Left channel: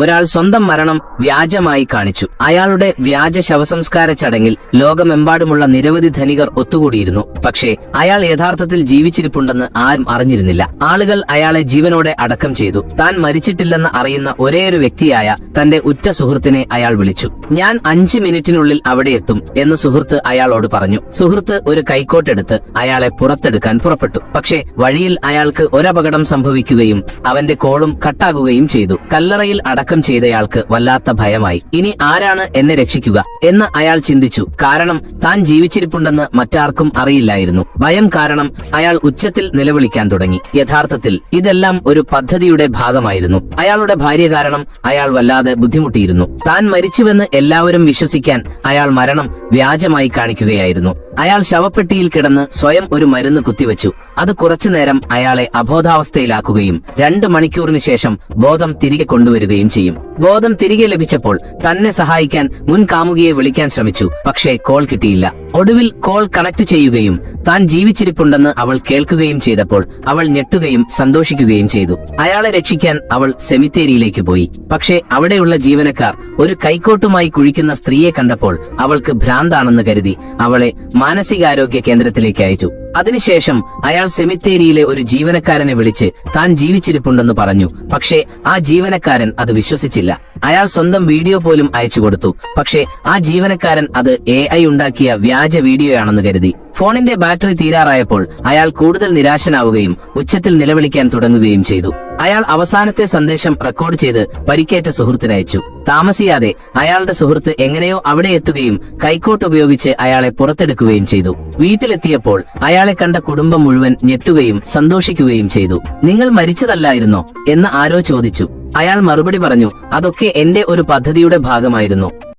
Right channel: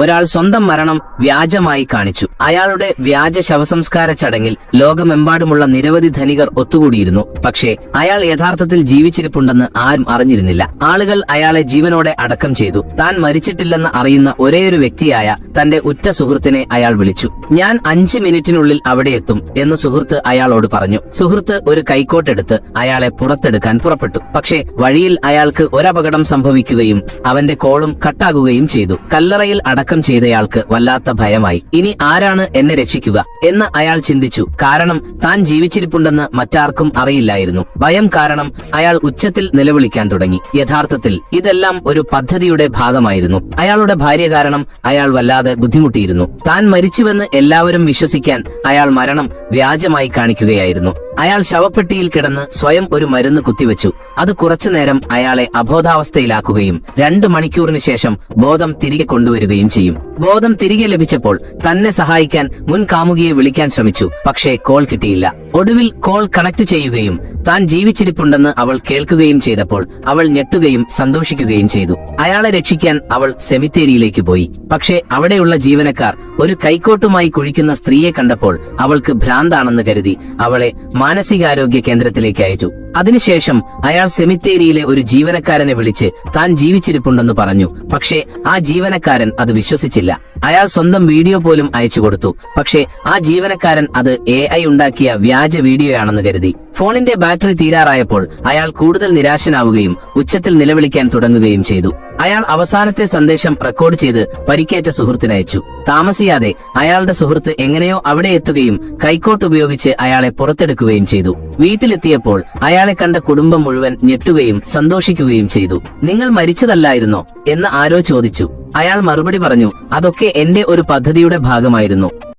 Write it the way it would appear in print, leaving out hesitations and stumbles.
ഒരാൾ സ്വന്തം മരണം വ്യാജമായി കാണിച്ചു. അയാളുടെ വ്യാജ ശവസംസ്കാര ചടങ്ങിൽ ലോകമെമ്പാടുമുള്ള നിരവധി ധനികർ ഒത്തുകൂടിയിരുന്നു. പക്ഷേ അയാൾ യഥാർത്ഥത്തിൽ ജീവിച്ചിരിപ്പുണ്ടെന്ന് ആരും അറിഞ്ഞിരുന്നില്ല. ആളുകൾ അയാളെ ജീവനോടെ അടക്കം ചെയ്തു. താൻ മരിച്ചിട്ടില്ലെന്ന് അറിയുന്ന ഒരേയൊരു വ്യക്തിയായ തന്റെ ഉറ്റ സുഹൃത്തിനെ അയാൾ വിളിച്ചു. ഞാൻ 5 മിനിറ്റിനുള്ളിൽ അവിടെ എത്തും എന്ന് സുഹൃത്ത് അയാളോട് പറഞ്ഞു. സുഹൃത്ത് ഒരു കൈക്കോട്ടെടുത്ത് അയാളെ പുറത്തെടുക്കാൻ പുറപ്പെട്ടു. പക്ഷേ വഴിയിൽ അയാൾക്ക് ഒരപകടം സംഭവിക്കുകയും അവന്റെ കോളും കട്ടാകുകയും ചെയ്തു. കല്ലറയിൽ അടക്കം ചെയ്തയാൾക്ക് വല്ലാത്ത ഭയമായി. ഇനി ആരാണ് എന്നെ രക്ഷിക്കുക എന്ന് അയാൾ ചിന്തിച്ചു. കാരണം താൻ ജീവിച്ചിരിപ്പുണ്ടെന്ന് മറ്റാർക്കും അറിയില്ലായിരുന്നു. ഭയം കാരണം അയാൾ ഉച്ചത്തിൽ നിലവിളിക്കാൻ തുടങ്ങി. യഥാർത്ഥത്തിൽ ഇതെല്ലാം ഒരു പദ്ധതിയുടെ ഭാഗമായിരുന്നു. അയാളുടെ ഭാര്യ കാരണം അയാൾ വല്ലാതെ ബുദ്ധിമുട്ടിയിരുന്നു. താൻ മരിച്ചുവെന്ന് എല്ലാവരും വിശ്വസിക്കാൻ അയാൾ മരണം വ്യാജമായി കാണിക്കുകയായിരുന്നു. അയാൾ ശവപ്പെട്ടിയിൽ കിടന്ന് സ്വയം ഒരു മരുന്ന് കുത്തിവെച്ചു. അത് കുറച്ചുനേരം അയാളെ അബോധാവസ്ഥയിലാക്കുകയും 2 മണിക്കൂറിന് ശേഷം ബോധം തിരികെ കൊണ്ടുവരികയും ചെയ്യും. ബോധം തിരികെ ലഭിച്ചപ്പോൾ തന്നെ സഹായിക്കാൻ മുൻ കാമുകിയെ വിളിക്കാൻ ശ്രമിച്ചു. പക്ഷേ കോൾ കിട്ടിയില്ല. ഒടുവിൽ കോൾ കണക്ട് ചെയ്യുകയും താൻ ജീവിച്ചിരിപ്പുണ്ടെന്ന് അവൾ കേൾക്കുകയും ചെയ്തപ്പോൾ അവൾ ഞെട്ടുകയും സന്തോഷിക്കുകയും ചെയ്തു. അയാളെ രക്ഷിക്കാൻ അവൾ സെമിത്തേരിയിലേക്ക് പോയി. പക്ഷേ അവിടെയുള്ള ജീവനക്കാർ ഒരു കൈക്കോട്ടുമായി കുഴിക്കുന്ന സ്ത്രീയെ കണ്ടപ്പോൾ അവൾക്ക് ഭ്രാന്താണെന്ന് കരുതി അവളെ മാനസികാരോഗ്യ കേന്ദ്രത്തിലേക്ക് അയച്ചു. അതിനുശേഷം അയാൾ സെമിത്തേരിയിലെ ഒരു ജീവനക്കാരനെ വിളിച്ച് താൻ ജീവിച്ചിരിപ്പുണ്ടെന്ന് പറഞ്ഞു. പക്ഷേ ആ ജീവനക്കാരൻ അത് വിശ്വസിച്ചില്ല. അയാൾ സ്വന്തം വീഡിയോ പോലും അയച്ചു കൊടുത്തു. പക്ഷേ ആ ജീവനക്കാരൻ അത് AI ഉണ്ടാക്കിയ വ്യാജ വീഡിയോയാണെന്ന് കരുതി. ഫോണിന്റെ ബാറ്ററി തീരാറായപ്പോൾ അയാൾ കൂടുതൽ നിരാശനാവുകയും ഉച്ചത്തിൽ നിലവിളിക്കാൻ തുടങ്ങുകയും ചെയ്തു. അയാൾ അവസാനത്തെ സന്ദേശം റെക്കോർഡ് ചെയ്ത് പരിക്കേറ്റ സുഹൃത്തിനയച്ചു. താമസിയാതെ അയാളുടെ സുഹൃത്ത് എങ്ങനെയോ അവിടെ എത്തുകയും കൈക്കോട്ട് ഉപയോഗിച്ച് അയാളെ പുറത്തെടുക്കുകയും ചെയ്തു. വീട്ടിലെത്തിയപ്പോൾ അയാളെ കണ്ട കുടുംബം മുഴുവൻ ഞെട്ടുകയും സന്തോഷിക്കുകയും ചെയ്തു. നിങ്ങൾ മരിച്ചതല്ലായിരുന്നോ എന്ന് ആരോ ചോദിച്ചു. അയാൾ മറുപടി പറഞ്ഞു, അതൊക്കെ എന്റെ ഒരു പദ്ധതിയുടെ ഭാഗമായിരുന്നു.